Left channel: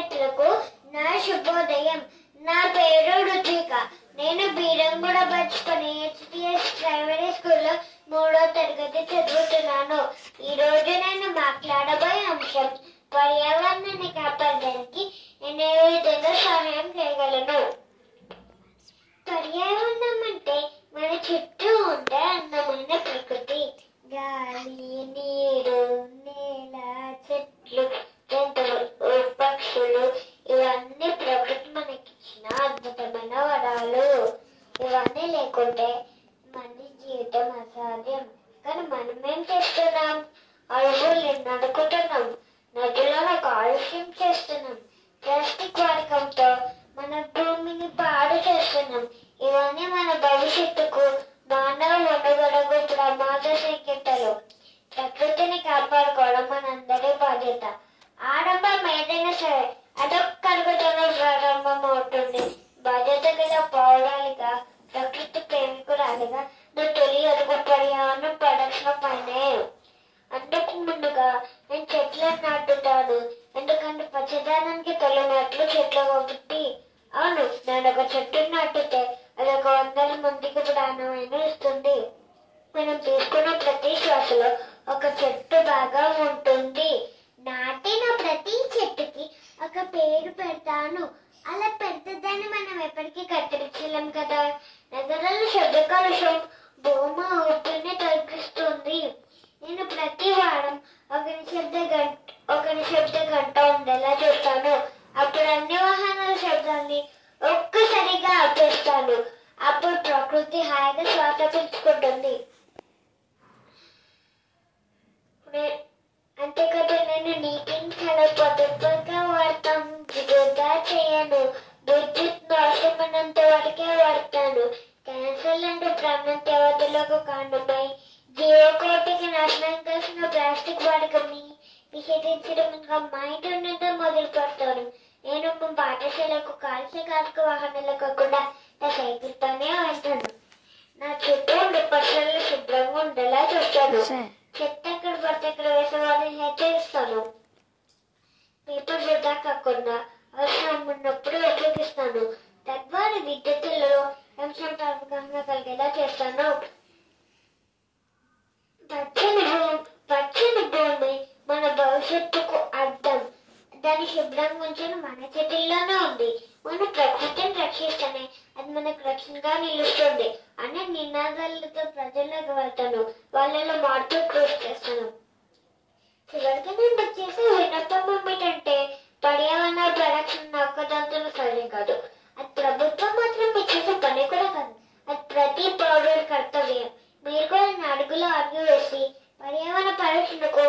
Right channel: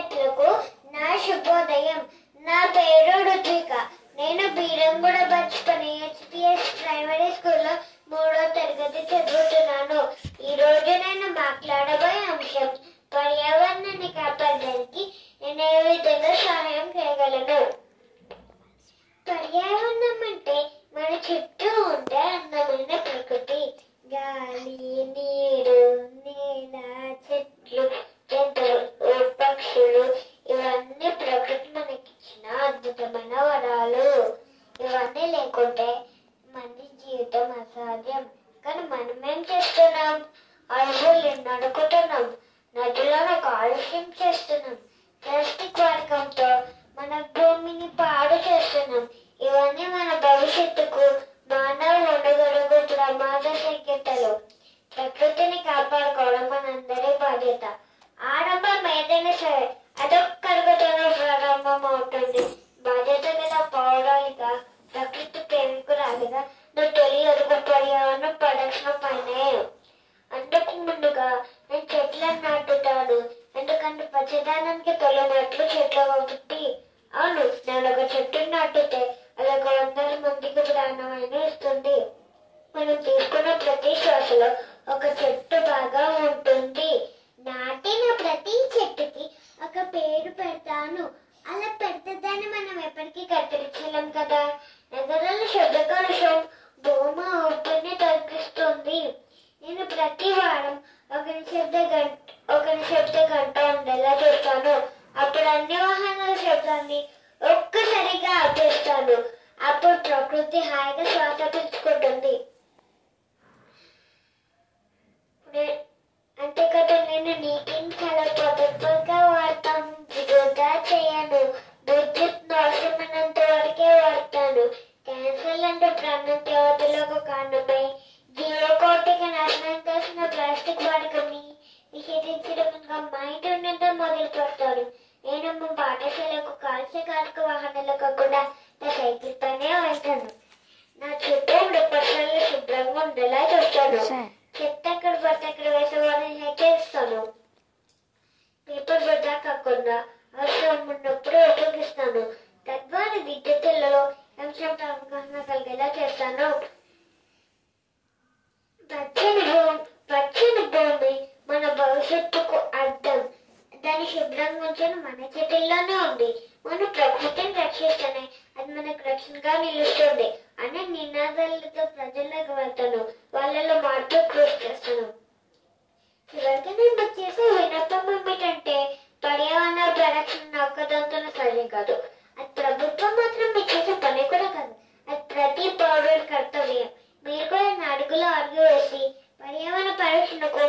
విద్యార్థులకు నా శుభోదయం. నా పేరు రుచిక. నేను బీరంగూడ బచ్పని HPS ప్రైమరీ స్కూల్లో 3వ తరగతి చదువుతున్నాను. ఈ రోజు నేను మాట్లాడబోయే అంశం పర్యావరణాన్ని కాపాడడానికి నేను ఏ విధంగా సహాయం చేయగలను. పర్యావరణం అంటే మన చుట్టూ ఉండే అందమైన ప్రకృతి, గాలి, నీరు, నేల, చెట్లు, జంతువులు, పక్షులు, ఇవన్నీ ప్రకృతి మనకిచ్చిన అద్భుతమైన వరాలు. ఇవన్నీ లేకుంటే మనిషి జీవితం అసాధ్యం. కానీ మనమేం చేస్తున్నాం? అడవులు నడుకుతున్నాం, నదులను కాలుష్యం చేస్తున్నాం, ప్లాస్టిక్ వాడకంతో మన భూమిని పాడు చేస్తున్నాం. ఇవన్నీ మన భవిష్యత్తుకు, మానవ మనుగడకు ప్రమాద సంకేతాలు. ప్రకృతిని కాపాడుకోవడం మనందరి బాధ్యత. ఆరంభం ఏదైనా సరే అదొక్కడుగుతోనే ప్రారంభం అవుతుంది. బాధ్యత గల పౌరాలిగా, ప్రకృతి ప్రేమికురాలిగా నువ్వు తొలి అడుగు పర్యావరణ పరిరక్షణ పైనే. అందుకు ముందుగా నేను చెట్లను నాటుతాను. ఎందుకంటే పచ్చదనానికి తొలినట్లు చెట్లు కాబట్టి. అవును, నేను ఒక చెట్టు నాటితే అది 100 మందికి ప్రాణమైన ఇస్తుంది. మనం తీసుకున్న ప్రతి శ్వాసలో ఒక చెట్టు బాగా ఉంటుంది. నాటిన ప్రతి చెట్టుకి ఒక పేరు పెడతాను. అలా పెద్దదాన్ని మనం ఎప్పటికీ కత్తిరించలేం కదా. నగరాల శబ్ద కాలుష్యం భూమి ఊపిరిని తగ్గిస్తుంది. నేను ప్రతి వారం ఒక నిశ్శబ్ద గంట ఉండేలా చూస్తాను. అప్పుడు అన్ని వాహనాల శబ్దాన్ని ఒక్కసారిగా ఆపేస్తాను. అప్పుడు ప్రకృతి హాయిగా శ్వాస పీల్చుకుంటుంది. అంతేకాదు, నేను నీటిని చాలా పొదుపుగా వాడతాం, వృధా చేయను. విద్యుత్ అవసరమైనంత వరకే వాడతాను. క్యాన్సర్ లాంటి ప్రాణ దేవతలకు కారణమై జీవకోటికి నాశనం కాసిన ప్లాస్టిక్ వాడకని నిషేధించడం మా ఇంటి నుండి మొదలు పెడతాను. నేను మా పాఠశాలకు కాల్చకాలిక వాహనాలు కాకుండా నా సైకిల్ పైనే వెళ్తాను. నా చుట్టూ ఉండే పరిసరాలు శుభ్రంగా ఉండేలా చూస్తాను. చెత్త ఎక్కడ పడితే ఎక్కడ వేసేవాడిని హెచ్చరిస్తాను. పేపర్ వృధా కాకుండా అవసరం ఉన్నప్పుడు ఉపయోగిస్తాను. తద్వారా విద్యుత్తులలో అంశం అవగాహన కలిగేలా చేస్తాను. పచ్చని భూమి మన భవిష్యత్తుకు అర్థం. దాన్ని శుభ్రంగా ఉంచడం మన చేతుల్లోనే ఉంది. మనం ప్రకృతిని రక్షిస్తేనే అది మనకు రక్షణగా నిలుస్తుంది అనే నినాదాలతో ప్రజల్లోకి వెళ్తాను. వాళ్ళలో మార్పు కృషి చేస్తాను. చివరికి నేను చేసే వినపం ఏమిటంటే పర్యావరణ పరిరక్షణ ఒక్కదాంతో సాధ్యం కాదు. అది ప్రభుత్వం మాత్రం చేసే పని కూడా కాదు. అది ప్రతి పౌరుడి కర్తవ్యం. మీరు కూడా నా అడుగులో అడుగు వేసి పర్యావరణ పరిరక్షణకు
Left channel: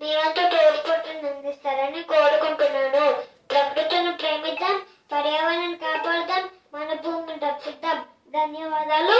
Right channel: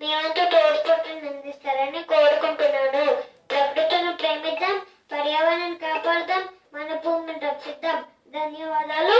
మేమంతా తోడ్పాటును అందిస్తారని కోరుకుంటున్నాను. ప్రకృతిని ప్రేమిద్దాం, పర్యావరణాన్ని కాపాడుదాం, మన భూమిని రక్షిద్దాం. ధన్యవాదాలు.